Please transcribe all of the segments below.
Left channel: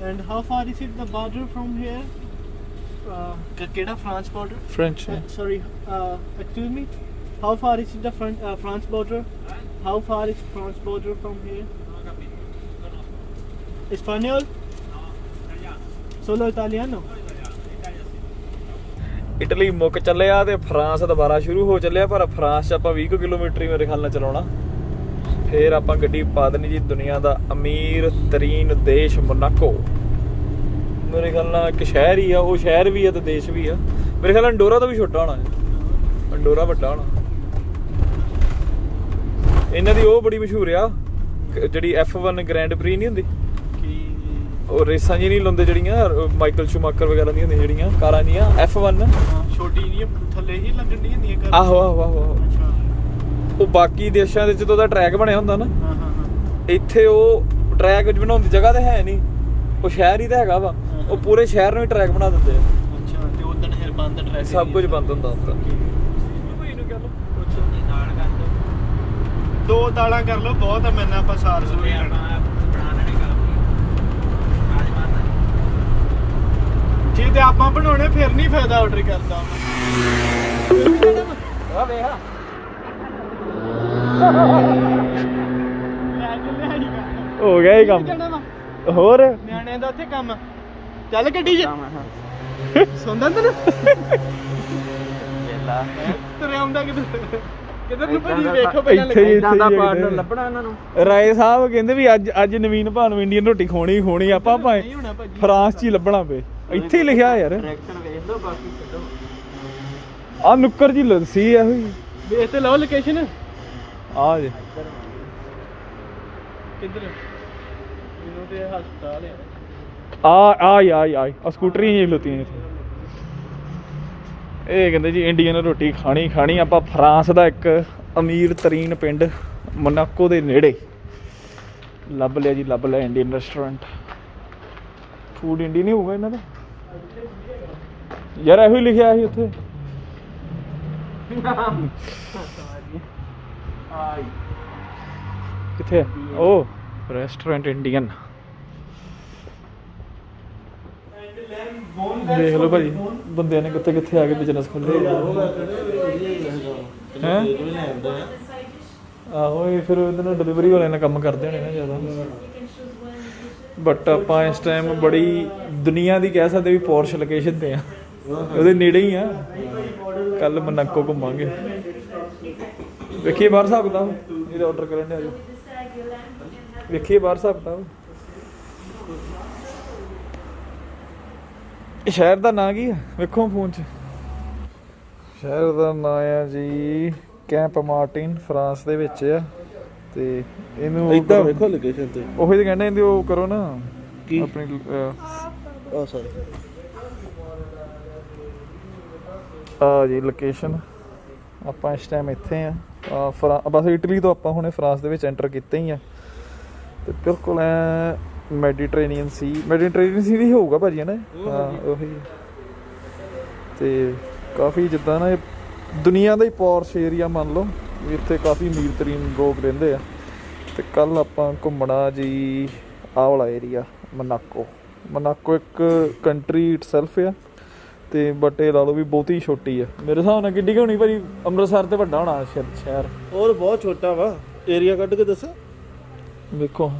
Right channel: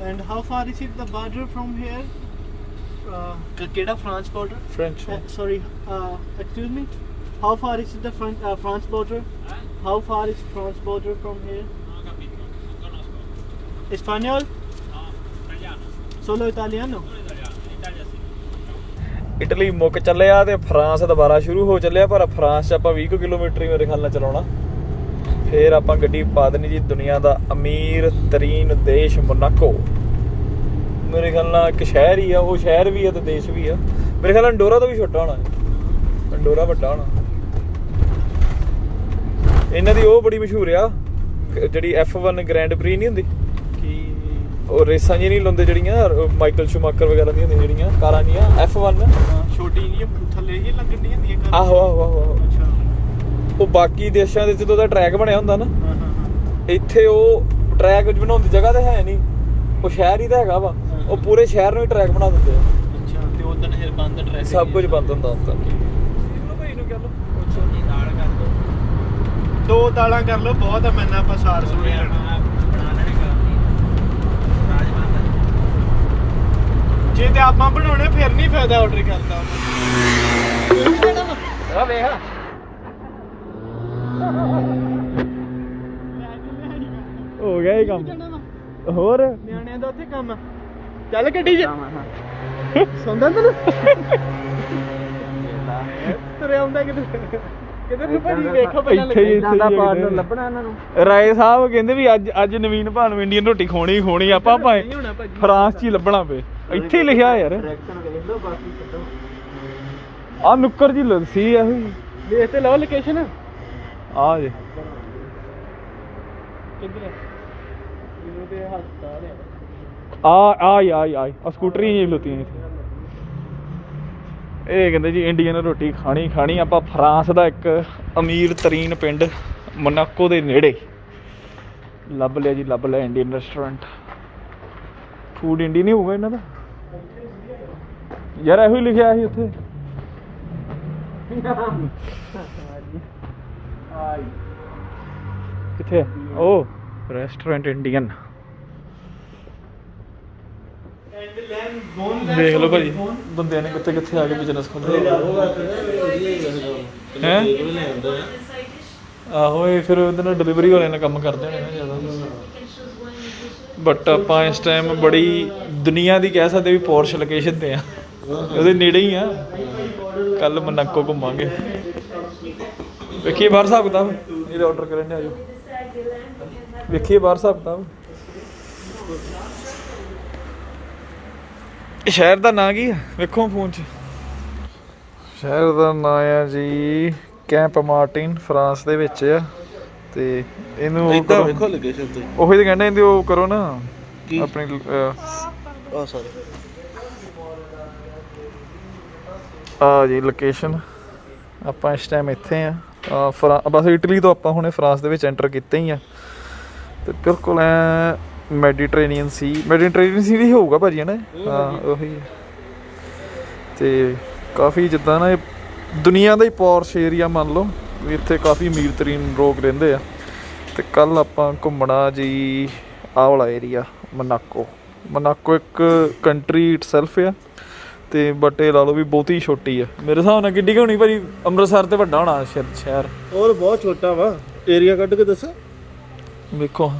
And how far is it the border from here? Keda France border? French. Sorry, excuse me. How far is the France border? How far is France border from here? Espanol? Solo Italiano? Italy ਮੁੱਕ ਚੱਲਿਆ ਤੇ France ਦੁਬਾਰਾ ਸ਼ੁਰੂ ਹੋ ਚੱਲਿਆ, ਪਰ France 'ਚ ਆਪਾਂ 20 ਕਿਲੋਮੀਟਰ ਹੀ ਮੇਰੇ ਖਿਆਲ ਨਾਲ ਚਲਾਉਣਾ। ਫਿਰ ਆਪਾਂ ਗੱਡੀ ਪਾ ਦੇਣੀ ਜੀ ਦੁਨੀਆ ਦਾ ਅਮੀਰ ਤਰੀਨ ਦੇਸ਼ ਮੋਨਾਕੋ। ਮੇਰੇ ਖਿਆਲ ਨਾਲ ਇੱਕ ਸ਼ਹਿਰ ਹੀ ਆ, ਉਹ ਸ਼ਹਿਰ ਵੀ ਆ ਤੇ ਦੇਸ਼ ਵੀ ਆ। ਮੇਰੇ ਖਿਆਲ ਨਾਲ ਅੰਡੋਰਾ ਤੋਂ ਵੀ ਛੋਟਾ ਹੋਣਾ, ਅੰਡੋਰਾ ਵੱਡਾ ਹੋਣਾ। ਇਹਨਾਂ ਦੀ ਉਹ ਬੜੀ ਮਸ਼ਹੂਰ ਆ ਜਿਹੜੀ F1 ਗ੍ਰੈਂਡ ਪ੍ਰੀ ਨਹੀਂ ਹੁੰਦੀ, ਉਹ ਰੇਸਾਂ ਜੀ ਨਹੀਂ ਲਾਉਂਦੇ ਜਿਹੜੀਆਂ ਮਾਈਕਲ ਸ਼ੂਮਾਕਰ ਵਗੈਰਾ ਦੀਆਂ ਹੁੰਦੀਆਂ ਜਿਹੜੀਆਂ ਕਾਰਾਂ ਦੀਆਂ F1 ਛੋਟੀ ਜਿਹੀ ਥੱਲੇ ਹੀ ਲੱਗਣ ਦੀਆਂ ਹੁੰਦੀਆਂ। ਆਹੋ ਆਹੋ ਆਹੋ। ਉਹ ਬਾਕੀ ਦੇਸ਼ਾਂ ਦੇ ਜਦੋਂ ਦਾ ਟਰੈਕ ਬਣਿਆ ਹੁੰਦਾ ਨਾ, ਇੱਥੇ ਉਹ ਟਰੈਕ ਵਿੱਚ ਬਣਾਉਣ ਦੀ ਜਗ੍ਹਾ ਤਾਂ ਹੈ ਨਹੀਂ, ਉਹ ਸ਼ਹਿਰ ਹੀ ਤਾਂ ਹੈਗਾ ਵਾ, ਉਹ ਪੂਰੇ ਸ਼ਹਿਰ ਨੂੰ ਹੀ ਟਰੈਕ ਬਣਾ ਦਿੰਦੇ ਆ। ਅੱਛਾ, ਤੇ ਉਦੋਂ ਫਿਰ ਬੰਦ ਟਰੈਕ ਸਭ ਕੁਝ ਬੰਦ ਹੁੰਦਾ ਹੁੰਦਾ। ਭਾਈ ਨੂੰ ਕਹਿ ਲਓ ਦੋ ਦਾਲਾਂ ਕਰ ਲਓ, ਬਹੁਤ ਆ। ਮੈਨਾਂ ਆਪਾਂ ਸਾਰ ਸੂਰ ਹੀ ਲੈਣਾ। ਜੇ ਤੇ ਆਪਾਂ ਬਣਾਉਣੇ ਫਿਰ ਨਹੀਂ ਫਾਇਦਾ ਆਰਡਰ ਕਰਦਾ। ਆ ਵੇਖ ਹੋ ਗਿਆ ਇਹ ਕੰਮ। ਹੋਰ ਨਿਆਣਿਆਂ ਦਾ ਉੱਥੇ ਕੰਮ। ਚੱਲ ਗੱਡੀ 'ਚ ਸੌਂਦਾ ਤੈਨੂੰ ਵੇਲਾ ਤੁਰੇ ਆਉਂਦਾ ਕਿਧਰ ਨੂੰ ਭਾਜੀ ਵੇਖੋ ਪਹਿਲਾਂ ਇੱਦਾਂ ਦਾ ਪਾਰਟਨਰ ਲੱਭਣਾ ਇਹਨਾਂ ਨੂੰ। ਰਾਏ ਸਾਹਿਬ ਕਹਿੰਦੇ ਵੀ ਅੱਜ ਨਵੀਨ ਭਾਨ ਨੂੰ ਇੰਡੀਅਨ ਰੋਟੀ ਖਵਾਉਣੀ ਆਪਾਂ ਭਾਵੇਂ ਫਰਾਂਸ 'ਚ ਹੀ ਲੱਭਣਾ ਪਏ। ਇੱਥੇ ਹੀ ਲਿਖਿਆ ਯਾਰ, ਵੇਖ ਲਓ ਬਾਕੀ ਛੱਡੋ। ਆ ਨੁੱਕਰ ਜੀ ਲੱਸੀ ਆ ਇਹ। ਵੇਖ ਤੇ ਲਓ ਲੋਕੇਸ਼ਨ ਆ ਜੇ ਕਿੱਧਰ ਇਹਦੇ ਹਸਪਤਾਲ ਆ ਸਕੂਟਰੀ ਜੀ ਲੁੱਤੀਆਂ ਇੱਥੇ। ਇਹ ਕਹਿੰਦੇ ਜੀ ਇੰਡੀਅਨ ਰੋਟੀ ਖਾਣੀ ਆਪਾਂ ਫਰਾਂਸ ਦਾ ਇੱਕ ਅਮੀਰ ਤਰੀਨ ਪਿੰਡ ਮੋਨਾਕੋ ਦੇ ਨੇੜੇ ਲੱਭ ਲਿਆ ਜੀ, ਲੱਭ ਲਿਆ ਇੰਡੀਅਨ ਰੈਸਟੋਰੈਂਟ। ਫੂਡ ਇੰਡੀਅਨ ਹੀ ਹੋਊਗਾ ਇਹਨਾਂ ਦਾ ਯਾਰ, ਇਹੋ ਹੀ ਲਿਖਿਆ ਸੀ ਉੱਥੇ। ਕਿੱਥੇ ਉਹ ਰੈਸਟੋਰੈਂਟ ਇੰਡੀਅਨ। ਦੇਖ ਲਓ ਭਾਜੀ ਬੰਦਿਆਂ ਨੇ ਕਿੱਥੇ ਕਿੱਥੇ ਆ ਕੇ ਬਿਜ਼ਨਸ ਖੋਲ੍ਹੇ ਹੈ। ਆਹੋ, ਇਹ ਫਿਰ ਉਹਦੇ ਨਾਲ ਡਿਲੀਵਰੀ ਵਾਲਿਆਂ ਨੇ ਕੰਮ ਕਰਦੇ ਹੋਣੇ ਨਾ ਜ਼ਿਆਦਾ। ਬਟ ਆਪਾਂ ਇਸ ਟਾਈਮ ਬੜੀ ਦੁਨੀਆ ਦੀ ਕਹਿ ਸਕਦੇ ਵੀ ਪੋਰਸ਼ ਲੋਕੇਸ਼ਨ ਤੇ ਆ, ਉਹਦੇ ਨੇੜੇ ਹੀ ਆ। ਕੱਲ ਮੋਨਾਕੋ ਘੁੰਮਾਂਗੇ, ਵੇਖੀਏ ਬਾਹਰ ਹਿਸਾਬ ਕਿਤਾਬ। ਇਹਦਾ ਆਰਡਰ ਕਰਨ ਦੇ ਆਜੋ, ਵੇਖੀਏ ਬਾਹਰ ਹਿਸਾਬ ਕਿਤਾਬ। ਸ਼ਹਿਰ ਦਾ ਨਾਂ ਕੀ ਆ ਵੇਖੋ ਫੋਨ 'ਚ। ਸ਼ਹਿਰ ਦਾ ਨਾਂ ਆ ਜੀ ਕੈਂਪ ਮਾਰਟਿਨ, ਫਰਾਂਸ ਦੇ ਵਿੱਚ ਆ। ਤੇ ਇਹਨੂੰ ਵੇਖੋ ਲੋਕੇਸ਼ਨ ਤੇ ਉਹੀ ਤਾਂ ਕਹਿੰਦੇ ਇਹਦੀ ਉਹ ਕਰੋ ਨਾ ਆਪਣੀ ਆ ਜੀ ਲੋਕੇਸ਼ਨ। ਆਪਾਂ ਇਸ ਟਾਈਮ ਇੱਥੇ ਆ ਬਸ ਇਟਲੀ ਤੋਂ ਆਪਾਂ ਹੁਣੇ ਫਰਾਂਸ ਦੇ ਵਿੱਚ ਐਂਟਰ ਕੀਤੇ ਹੀ ਆ। ਤੇ ਬਿਲਕੁਲ ਐ ਮੈਡੀਟਰੇਨੀਅਨ ਸੀ ਵੀ ਹੋਊਗਾ ਭਾਜੀ ਹੈ ਨਾ। ਹਾਂ ਉਹੀ। ਤੇ ਕਾਫੀ ਜਿੱਦਾਂ ਨਾ ਇਹ ਦੁਨੀਆ ਦਾ ਹੀ ਪੌਰਸ਼ ਏਰੀਆ ਮੰਨ ਲਓ ਵੀ, ਇੱਥੇ ਕਾਫੀ ਅਮੀਰ ਤਰੀਨ ਲੋਕ ਰਹਿੰਦੇ ਆ। ਤੇ ਕੱਲ ਆਪਾਂ ਘੁੰਮਣਾ ਜੀ ਆਹ ਵਾਲਾ ਏਰੀਆ ਮੋਨਾਕੋ ਇੱਕ ਕੰਟਰੀ ਇਟਸੈਲਫ ਆ। ਤੇ ਬਟ ਇਹ ਲਾ ਲਓ ਵੀ ਬਹੁਤੀ ਛੋਟੀ ਆ ਮੇਰੇ ਹਿਸਾਬ ਨਾਲ। ਕਿੱਡੀ ਕੁ ਹੋਣੀ ਭਾਜੀ? ਅੰਮ੍ਰਿਤਸਰ ਤੇ ਵੱਡਾ ਹੋਣਾ ਸ਼ਹਿਰ। ਹੋਰ ਬਹੁਤ ਛੋਟਾ ਵਾ, ਏਰੀਆ ਕੱਢ ਕੇ ਦੱਸੋ ਵੇਖੋ।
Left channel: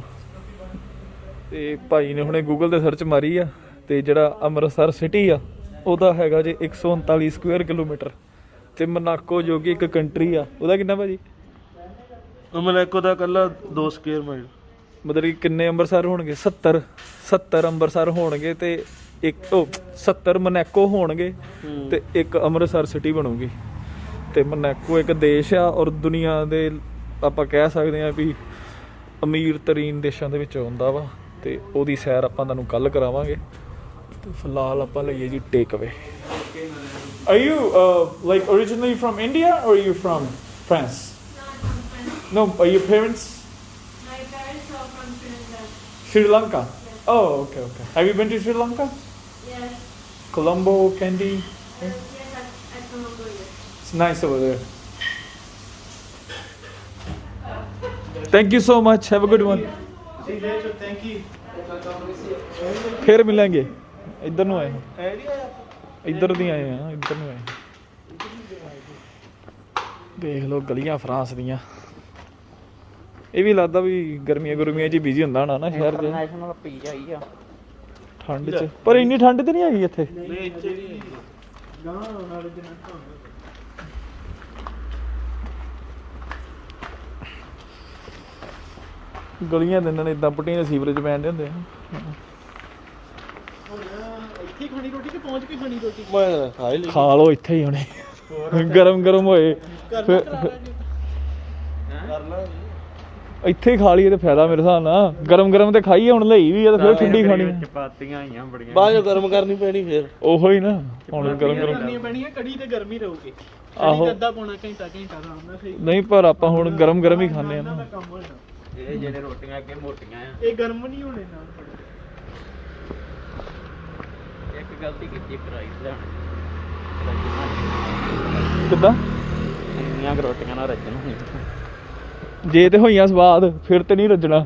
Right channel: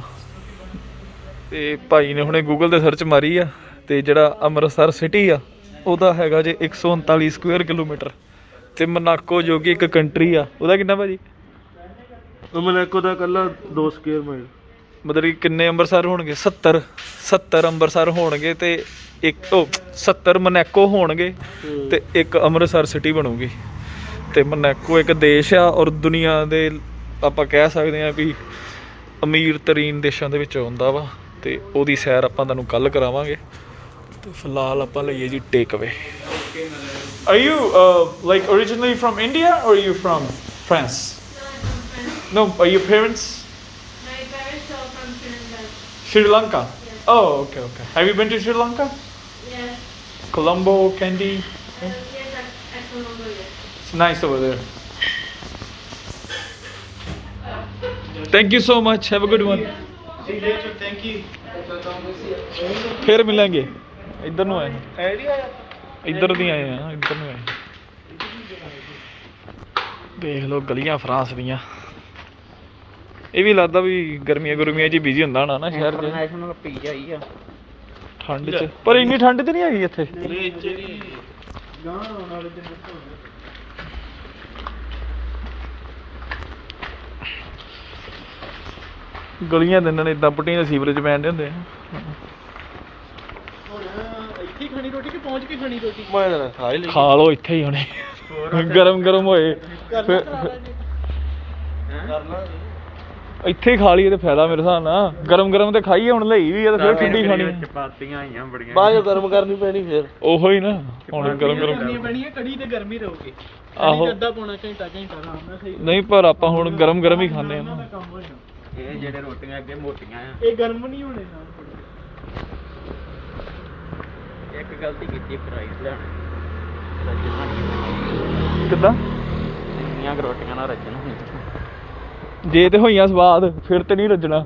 ਤੇ ਭਾਈ ਨੇ ਹੁਣੇ ਗੂਗਲ 'ਤੇ ਸਰਚ ਮਾਰੀ ਆ, ਤੇ ਜਿਹੜਾ ਅੰਮ੍ਰਿਤਸਰ ਸਿਟੀ ਆ ਉਹਦਾ ਹੈਗਾ ਜੇ 139 ਸਕੁਅਰ ਕਿਲੋਮੀਟਰ। ਤੇ ਮੋਨਾਕੋ ਜੋ ਕਿ ਇੱਕ ਕੰਟਰੀ ਆ, ਉਹਦਾ ਕਿੰਨਾ ਭਾਜੀ? ਮੋਨਾਕੋ ਦਾ ਇਕੱਲਾ 2 ਸਕੁਅਰ ਮਾਈਲ। ਮਤਲਬ ਕਿ ਕਿੰਨੇ ਅੰਮ੍ਰਿਤਸਰ ਹੋਣਗੇ? 70 ਅੰਮ੍ਰਿਤਸਰ ਹੋਣਗੇ ਤੇ 70 ਮੋਨਾਕੋ ਹੋਣਗੇ ਤੇ ਇੱਕ ਅੰਮ੍ਰਿਤਸਰ ਸਿਟੀ ਬਣੂਗੀ। ਤੇ ਮੋਨਾਕੋ ਇੱਕ ਦੇਸ਼ ਆ ਔਰ ਦੁਨੀਆ ਦੇ ਆਪਾਂ ਕਹਿ ਸਕਦੇ ਹਾਂ ਵੀ ਅਮੀਰ ਤਰੀਨ ਦੇਸ਼ਾਂ ਦੇ ਵਿੱਚ ਆਉਂਦਾ ਵਾ। ਤੇ ਉਹਦੀ ਸੈਰ ਆਪਾਂ ਤੁਹਾਨੂੰ ਕੱਲ ਕਰਾਵਾਂਗੇ। ਤੇ ਫਿਲਹਾਲ ਆਪਾਂ ਲਈਏ ਜੀ ਟੇਕ ਅਵੇ। Are you like originally from India or are you from France? No, are your parents? My parents are from Sri Lanka. Sri Lanka. Oh, okay. Have you been to Sri Lanka? Yes. Colombo, Kandy? Yes, at Colombo, yes. It's nice over there. Thank you so much. Have a good one. See you later. Thank you. ਫਿਰ ਮਿਲਾਂਗੇ ਇੱਧਰ ਨੂੰ ਆਏ Idea? ਇੱਧਰ ਦੀ ਆਏ ਆ ਇੱਧਰ ਨੂੰ ਆਏ ਦੇਖ ਲਓ ਗਲੀਆਂ ਫਰਾਂਸ ਦੀਆਂ ਇਹ ਵੀ ਲੱਗਦਾ ਵੀ ਗਰਮੀਆਂ ਗੁਰਮੀਆਂ 'ਚ ਬਿਜ਼ੀ ਹੁੰਦਾ ਹੋਣਾ ਨਾ ਸ਼ਹਿਰ 'ਚ International pizza ਹੀ ਆ ਠੰਡ 'ਚ ਪਰ ਇੰਨੀ ਠੰਡ ਤੇ ਨਹੀਂ ਹੈਗੀ ਇੱਥੇ ਗਾਂ ਆਉਣ ਵਾਲੇ ਦਿਨ ਗਲੀਆਂ ਦੇ ਇਹਨਾਂ ਨੇ ਇਦਾਂ ਪੁੱਟੀਆਂ ਸੀਵਰੇਜ ਪੈਣ ਦੇ ਹੁੰਦੇ ਆ ਇੱਥੇ ਖਾਣੀ ਰੋਟੀ ਕਿ ਪਹੁੰਚ ਕੇ ਖਾਣੀ ਰੋਟੀ ਮੈਂ ਖਾ ਹੀ ਖਾ ਲਓ ਇੱਥੇ ਹੀ ਹੁਣੇ ਗਰਮ ਗਰਮ ਹੋਏ ਫਿਰ ਇੱਥੇ ਹੀ ਖਾ ਲਈਏ ਤੇ ਫਾਇਦਾ ਮੇਰੇ ਹਿਸਾਬ ਨਾਲ ਗਰਮ ਗਰਮ ਤੇ ਖਾਈਏ ਹੁਣ ਲਈ ਵੀ ਆ ਤੇ ਫਿਰ ਠੰਡੀ ਖਾਣੀ ਚਪਾਤੀਆਂ ਆਈਆਂ ਬੜੀਆਂ ਬਾਅਦ ਚ ਗਰਮ ਕਰਨੀ ਪੈਣੀ ਫਿਰ ਉਹੋ ਹੀ ਨਾ ਹੁਣ ਗਰਮ ਗਰਮ ਕਰਨੀ ਪੈਣੀ ਹੈ ਕੜੀ ਤੇ ਗਰਮੀ ਰਹੂਗੀ ਆਹੋ ਅੱਧਾ ਪੌਣਾ ਘੰਟਾ ਆਰਾਮ ਨਾਲ ਸਹੀ ਨਹੀਂ ਪਰ ਆਪਾਂ ਹੁਣ ਗਰਮ ਗਰਮ ਹੀ ਖਾਂਦੇ ਆ ਨਾ ਕੰਮ ਹੋਣਾ ਇਹ ਜਿਹੜੇ ਰੋਟੀਆਂ ਅੱਗੇ ਮੋਟੀਆਂ ਆ ਇਹ ਗਰਮ ਨਹੀਂ ਹੋਣੇ ਨਾਲ ਇੱਕ ਗਲਤੀ ਕੀਤੀ ਪ੍ਰਾਈਸ ਲੈਣ ਕਿੱਦਾਂ ਇੰਨੀਆਂ ਕੁ ਰੋਟੀਆਂ ਨਾਲ ਰੱਜਣ ਜੇ ਤੇ ਹੋਈਆਂ ਸਵਾਦ ਫਿਰ ਤੇ ਨਹੀਂ ਰੱਜਣਾ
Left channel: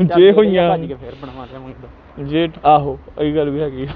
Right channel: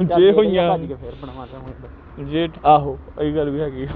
ਜੇ ਹੋਈਆਂ ਭੱਜ ਕੇ ਫੇਰ ਬਣਵਾ ਲਿਆਉਂਗਾ ਜੇ ਆਹੋ ਇਹ ਗੱਲ ਵੀ ਹੈਗੀ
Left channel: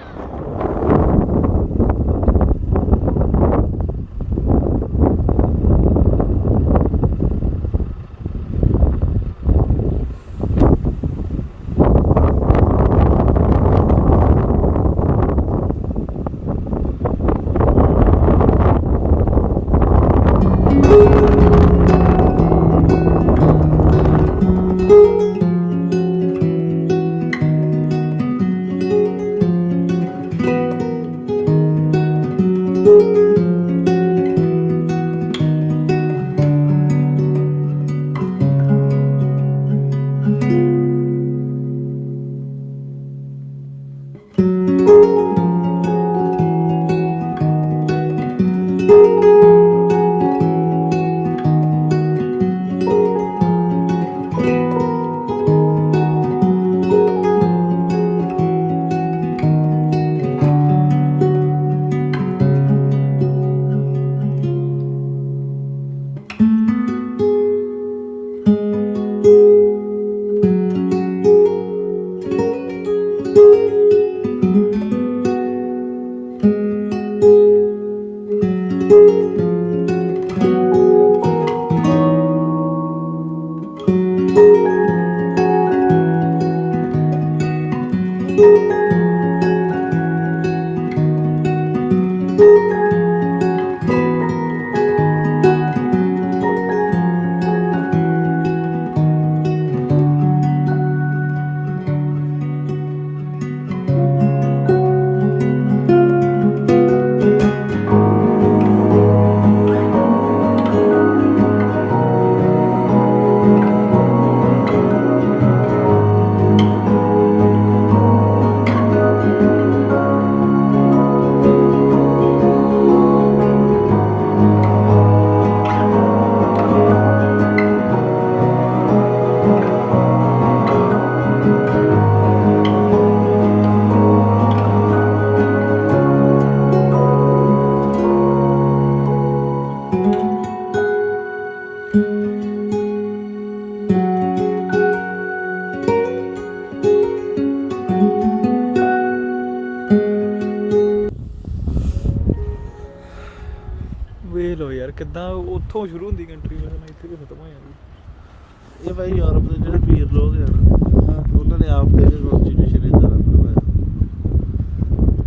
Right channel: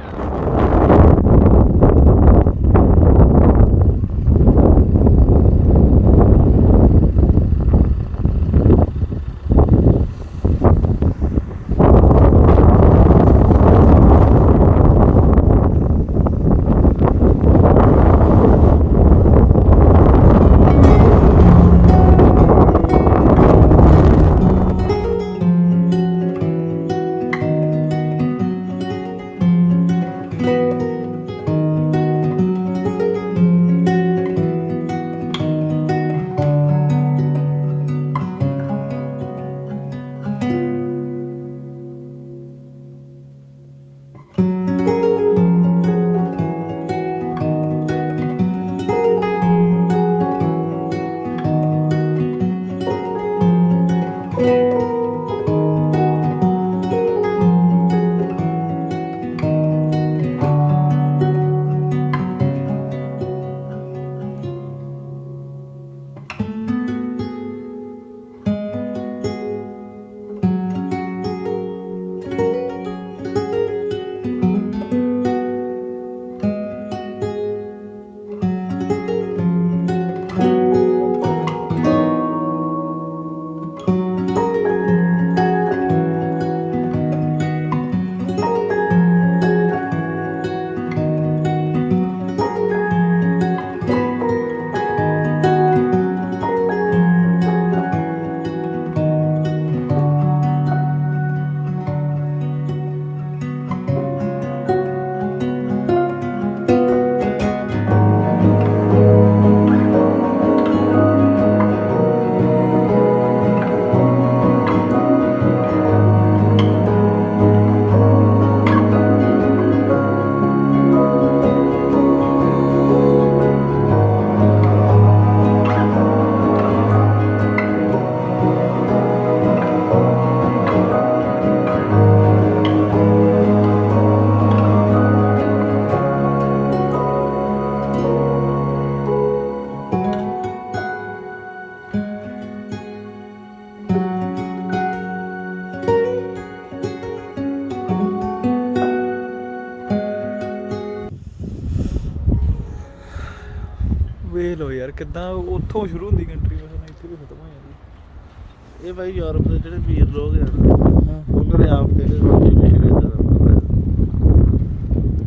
ਵੇਖ ਲਓ ਯਾਰ ਕਿੱਦਾਂ ਉੱਥੋਂ ਸ਼ੁਰੂ ਹੁੰਦੀ ਕੰਟਰੀ ਮੇਰੇ ਨਾਲ ਇੱਥੇ ਵੀ ਖਤਮ ਹੋ ਜਾਂਦੀ ਇਹ ਭਾਈ ਯੂਰਪ ਦੇ ਜਿਹੜੇ ਪੀਰ ਲੋਕ ਆ ਉਹਨਾਂ ਨੇ ਆਪ ਦੇ